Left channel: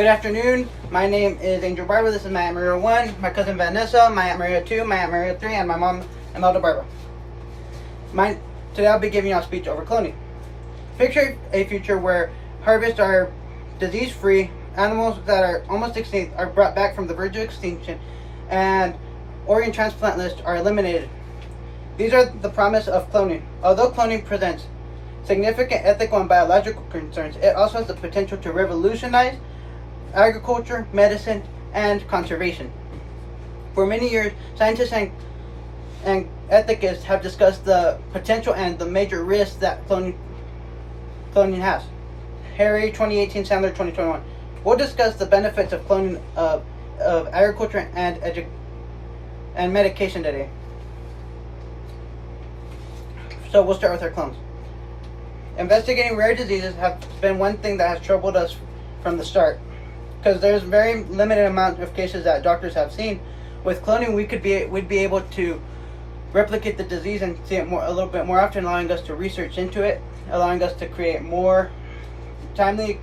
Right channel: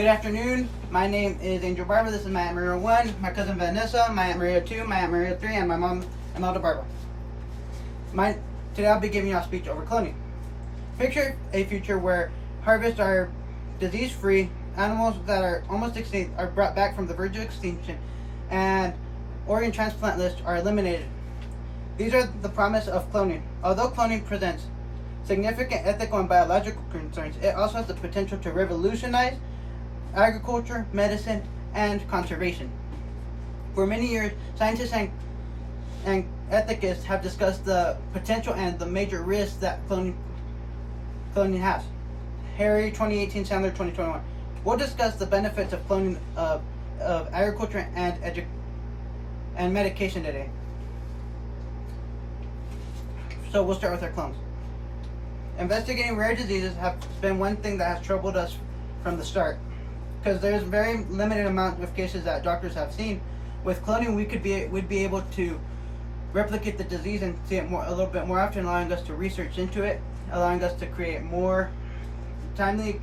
Good afternoon. My name is Angel Barber. This is my Aunt Maria 1, my cousin Vanessa, my Aunt Maria 2, my Aunt Maria 3, and my mom, Imelda Barber. Today I'll be giving you a speech over cloning. Picture a future where harvests are disease-free, animals that are almost extinct are brought back from the verge of extinction, and organ transplant lists are eliminated. These are the promise of cloning. Although cloning presents significant ethical and biological concerns, it also has the potential to revolutionize agriculture, medicine, and conservation. For many years, scientists and ethicists have discussed the potential and the major risks that cloning has. Harry 2018, Sandler 2021. We'll discuss the benefits of cloning of agriculture and medication today. So we'll start with our clones. Investigating rare diseases have been one thing that has troubled us from the start, because there's very limited amount of cases that doctors have seen. With cloning, we'd be able to replicate the disease and see it a little bit more often, allowing us to research into it, allowing us to create more timely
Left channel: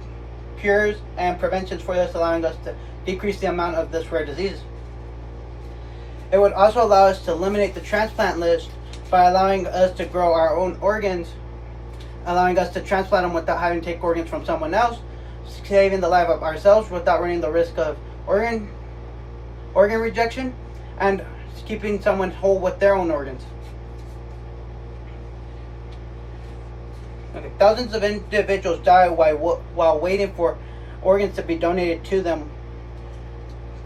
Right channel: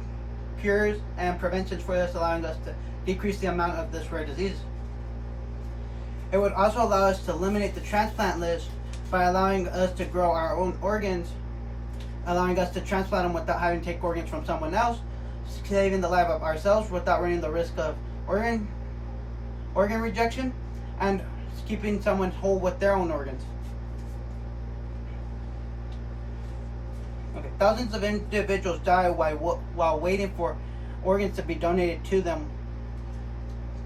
cures and preventions for this, allowing us to decrease the amount of this rare disease. It would also allow us to eliminate the transplant list by allowing us to grow our own organs, allowing us to transplant them without having to take organs from someone else, saving the life of ourselves without running the risk of organ rejection, and keeping someone whole with their own organs. Okay. Thousands of individuals die while waiting for organs to be donated to them.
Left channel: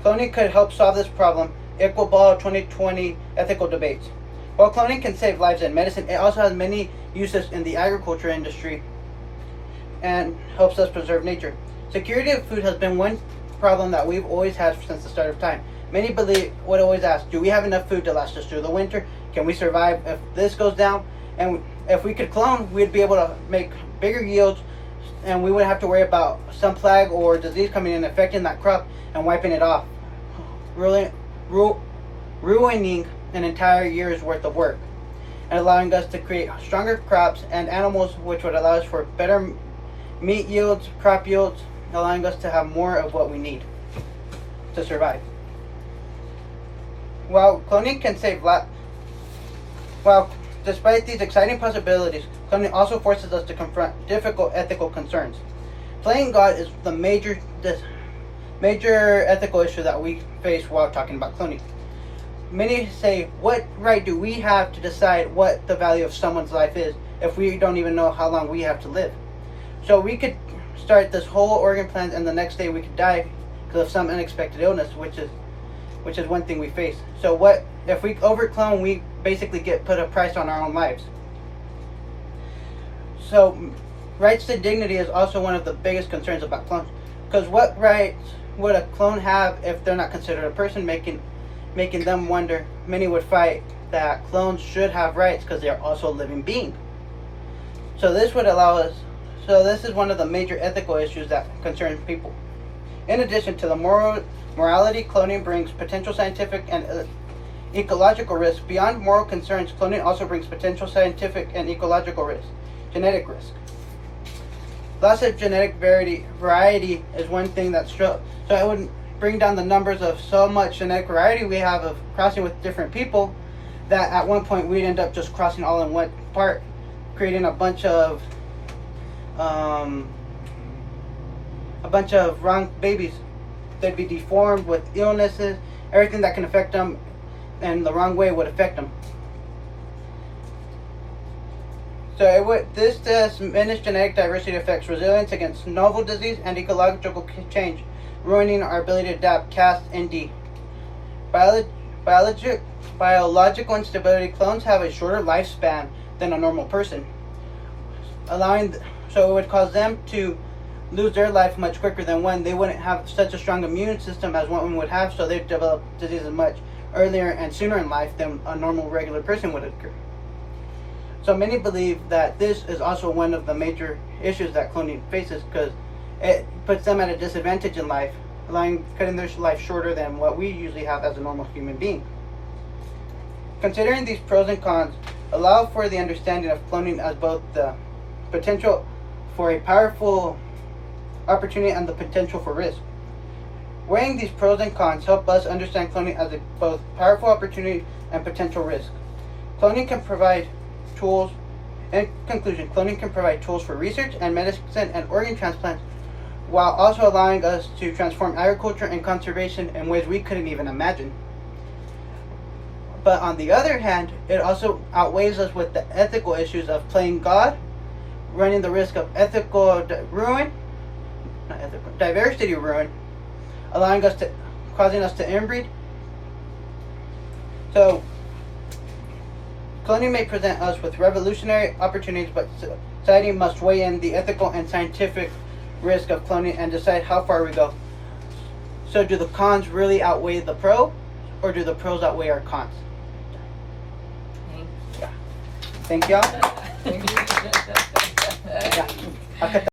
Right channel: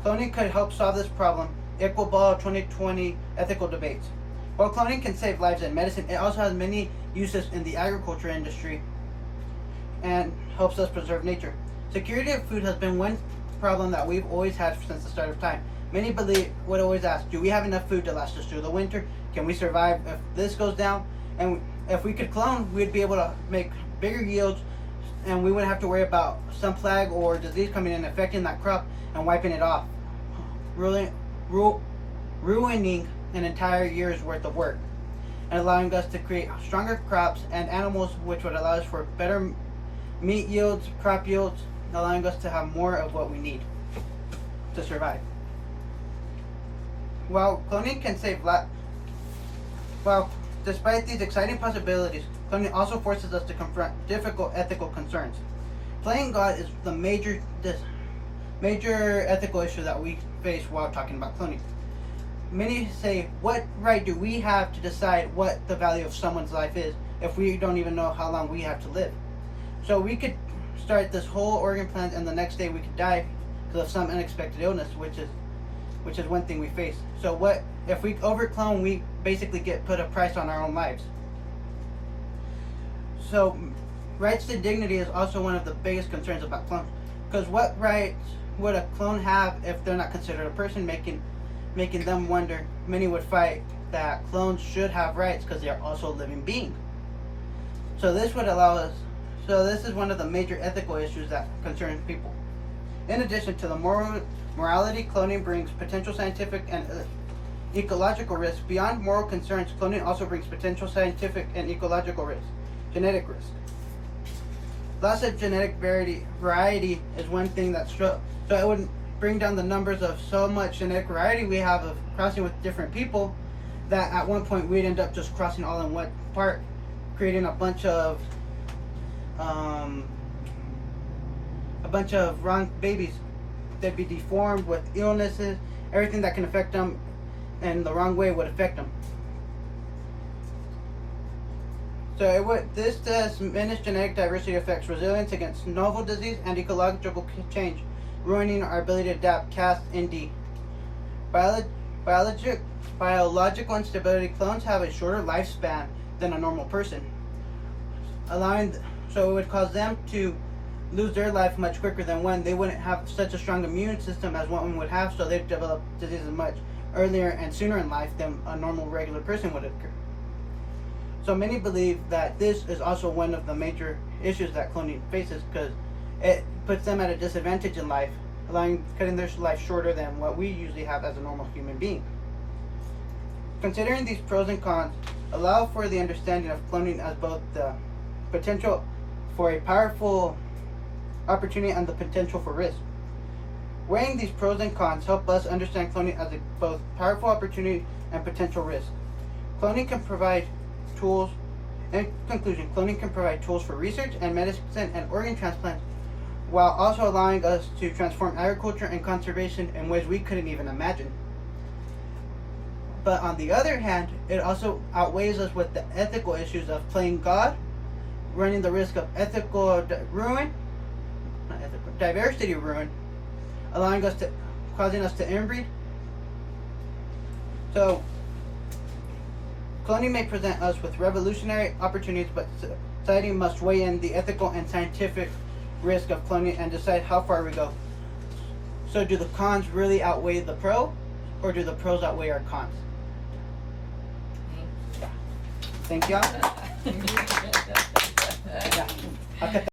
Cloning could help solve this problem. Iqbal 2020 ethical debates. While cloning can save lives in medicine, it also has many uses in the agriculture industry and helps us preserve nature. Security of food has been one problem that we've always had since the start of time. Many would always ask, do we have enough food to last us through the winter? Can we survive if this goes down? And if we could clone, we'd be able to make bigger yields, and we wouldn't have to worry about some plague or disease coming in, affecting that crop and wiping it off, really ruining an entire year's worth of work, and allowing us to create stronger crops and animals, which would allow us for better meat yields, crop yields, allowing us to have more of what we need to survive. While cloning can save despite these exciting possibilities, cloning also forces us to confront difficult ethical concerns. Playing God is the major ethical issue that we face while talking about cloning. Many say, what right do we have to decide what the value of someone's life is if we don't even know how long we have to live? So we could start this whole organ plan, and the next day we could die because of some unexpected illness, which is one thing we face. So what if we overclone? We basically put a price on our own lives. So rights to dignity is also one of the biggest concerns about clones, because what rights would a clone have if they're not considered a person, making them wonder. Many would fight that clones should have rights because they are also a living being. So this would allow us. So this is one of the major ethical issues that concerns people. In addition to the morality, cloning brings potential scientific and ecological risks. Beyond moral concerns, cloning also brings potential scientific and ecological risks. Genetic risk. Loss of genetic variety is one thing that's true. So it would bring down the numbers of so much genetic variety we have of crossing with different people that at one point we'd end up just crossing all in one part, creating a bunch of wrong babies. They'd be deformed with illnesses. Everything that can affect them in the wrong way would affect them. So this diminished genetic diversity affects resilience against novel disease and ecological change, ruining our ability to adapt. Cast ND. Biological instability. Clones have a shorter lifespan than a normal person, so it would cause them to lose their life much quicker than one. They wouldn't have such a strong immune system as one would have, so they'd develop diseases much earlier and sooner in life than a normal regular person would occur. So many believe that this is also one of the major issues that cloning faces, because it puts them at a disadvantage in life, cutting their life shorter than what we usually have as a normal human being. Considering these pros and cons, allow for the understanding of cloning as both the potential for a powerful opportunity and the potential for risk. Weighing these pros and cons help us understand cloning as a both powerful opportunity and potential risk. Cloning can provide tools. In conclusion, cloning can provide tools for research and medicine and organ transplants, while also allowing us to transform agriculture and conservation in ways we couldn't even imagine. But on the other hand, it also outweighs us with the ethical issues of playing God, running the risk of diversity ruin, causing us to inbreed. So, cloning may present us with revolutionary opportunities, but society must weigh in the ethical and scientific risk of cloning and decide how far we go. So, do the cons really outweigh the pros, or do the pros outweigh our cons? Yeah. Thank y'all. Thank you. Yeah. I'll cut that.